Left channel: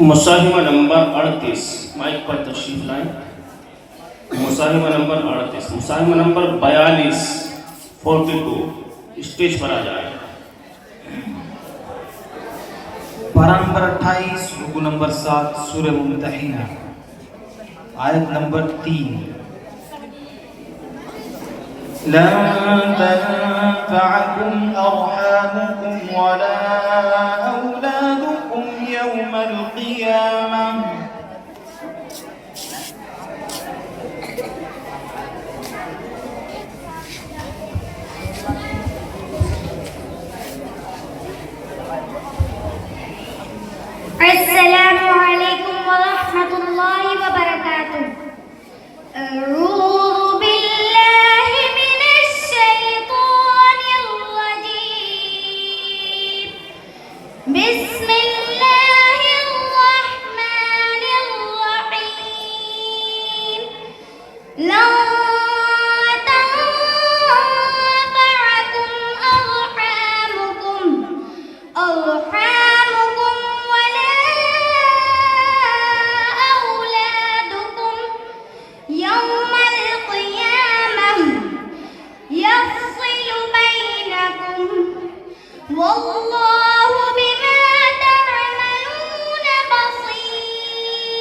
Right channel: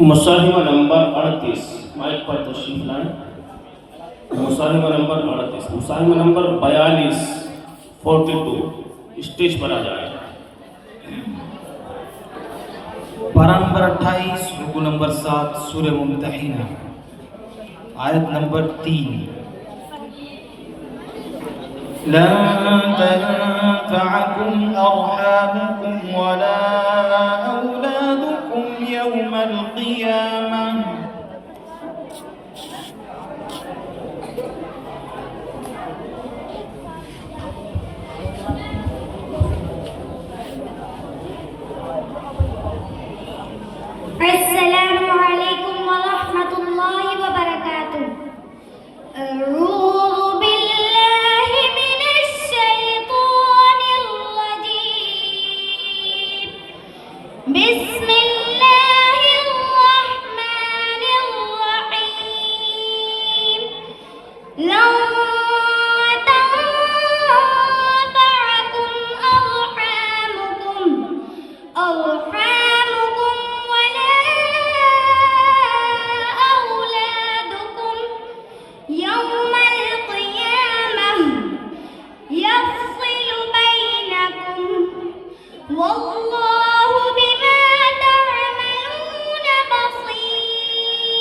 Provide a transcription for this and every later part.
मुसाहिमा नंबर 38 माइक पर तशरीफ लाएं। मुसाहिमा नंबर 38, मुसाहिमा नंबर 42 42 स्टेज पर आ जाए। पारा नंबर 28 रुकू नंबर 7 सूरह मुम्तहिना आयत नंबर 3। लन तनफअकुम अरहामुकुम वला औलादुकुम यौमल क़ियामह अस्सलामु अलैकुम वरहमतुल्लाहि वबरकातुह। अऊज़ु बिल्लाहि मिनश शैतानिर रजीम। बिस्मिल्लाहिर रहमानिर रहीम। ला तनफअकुम अरहामुकुम वला औलादुकुम यौमल क़ियामह यफ़्सिलु बैनकुम वल्लाहु बिमा तअमलून बसीर।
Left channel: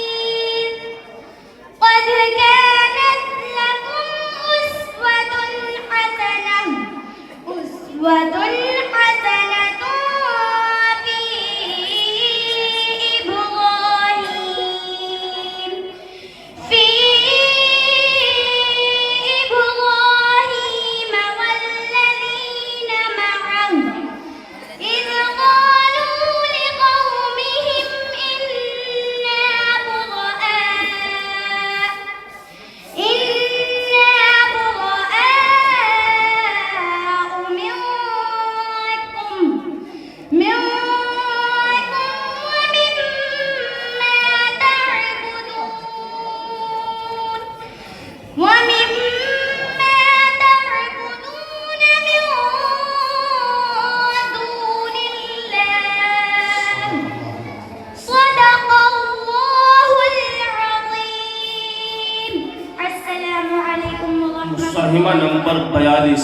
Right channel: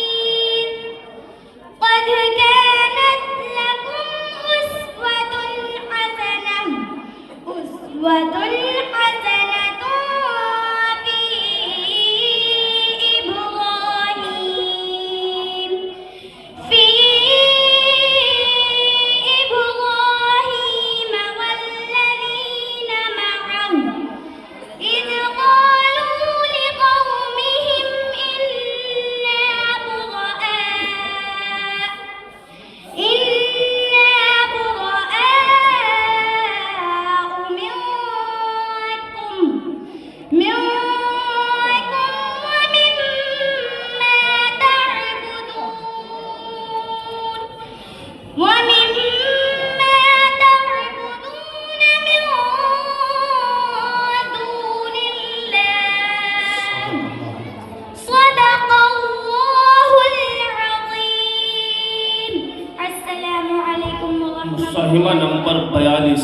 क़द कानत लकुम उस्वतुन हसनह في إبراهيم والذين معه إذ قالوا لقومهم إنا براء ومما تعبدون من دون الله صدق الله العظيم। السلام عليكم ورحمة الله। मुसाहिमा नंबर 42